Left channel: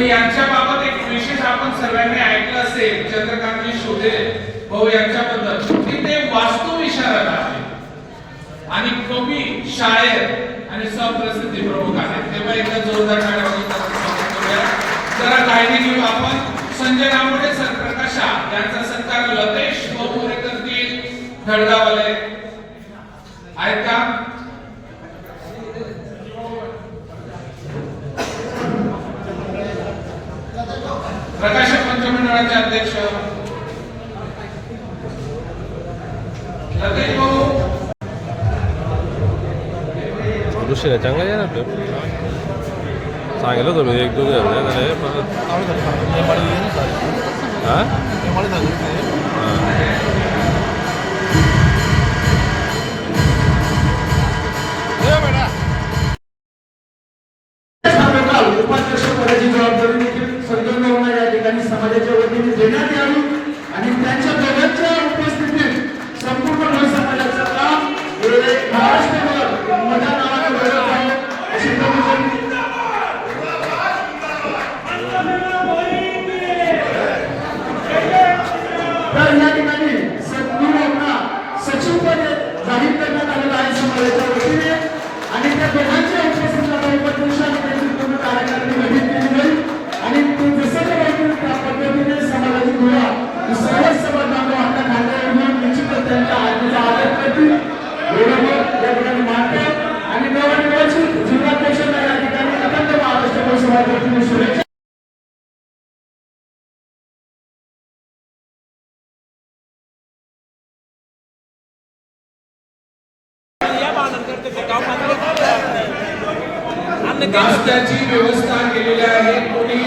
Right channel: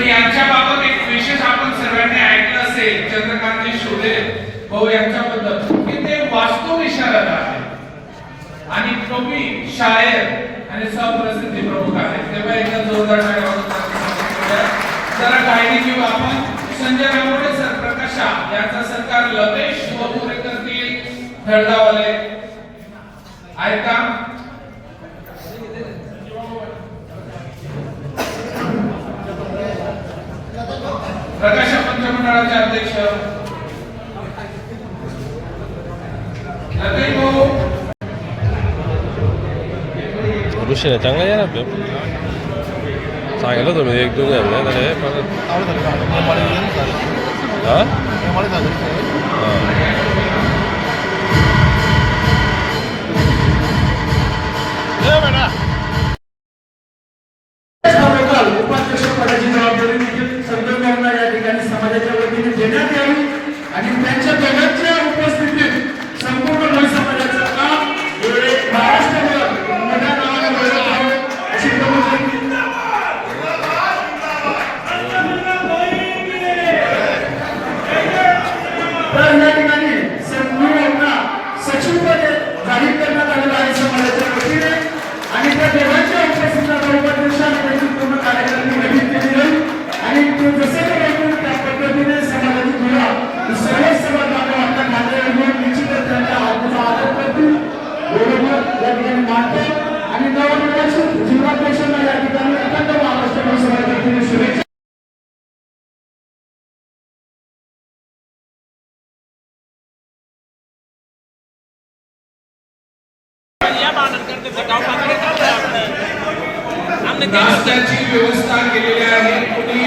यांच्या बाबत एक विशेष आपण सर्वांनी ऐकलं असेल चंद्रकांत शोधे भाऊ यांच्याबद्दल की ते वास्तव इशारा आहे आणि कवी शायर आणि सप्रसिद्धी प्रमुख आहेत. तेव्हा एकदा जोरदार टाळ्या वाजवून जरा गायडी घेऊ आपण. संजय रामोडे सर प्रकाशा यांचा सत्कार लतेश बपुरे करतील. धडधावाले आहेत का? प्रकाश पंचमंडळाचे अध्यक्ष लतेश भाऊ ऋषी चांगला आहे ना आपलं सांगितलं तर एक दोन समाजाच्या वतीने देण्यात यावी आणि त्यांच्या दोघांच्या उपस्थितीत संपूर्ण लोक समाजाचं काम हे महाराष्ट्रभर मोठ्या नावाने वेळत जावं अशी तर या ठिकाणी संपूर्ण सचिवपदे जाहीर करण्यात आलेलं आहे समाजाच्या वतीने आणि त्या दोघांच्या उपस्थितीला उपाध्यक्ष आणि त्यांची पूर्ण कार्यकारिणी गठीत केली जाईल आणि ते जसे त्या पद्धतीने समाजाची धुरा सर्व सेवा आपल्या खात्यावर घेऊन निश्चितच त्यांच्या आज्ञेचा आदर करतील एवढं या ठिकाणी मानते आणि नवनिर्वाचित जिल्हाध्यक्षांना या ठिकाणी अखंड महाराष्ट्र लोकसभा शुभेच्छा. नाश्त्याची व्यवस्था केलेली आहे. कोणी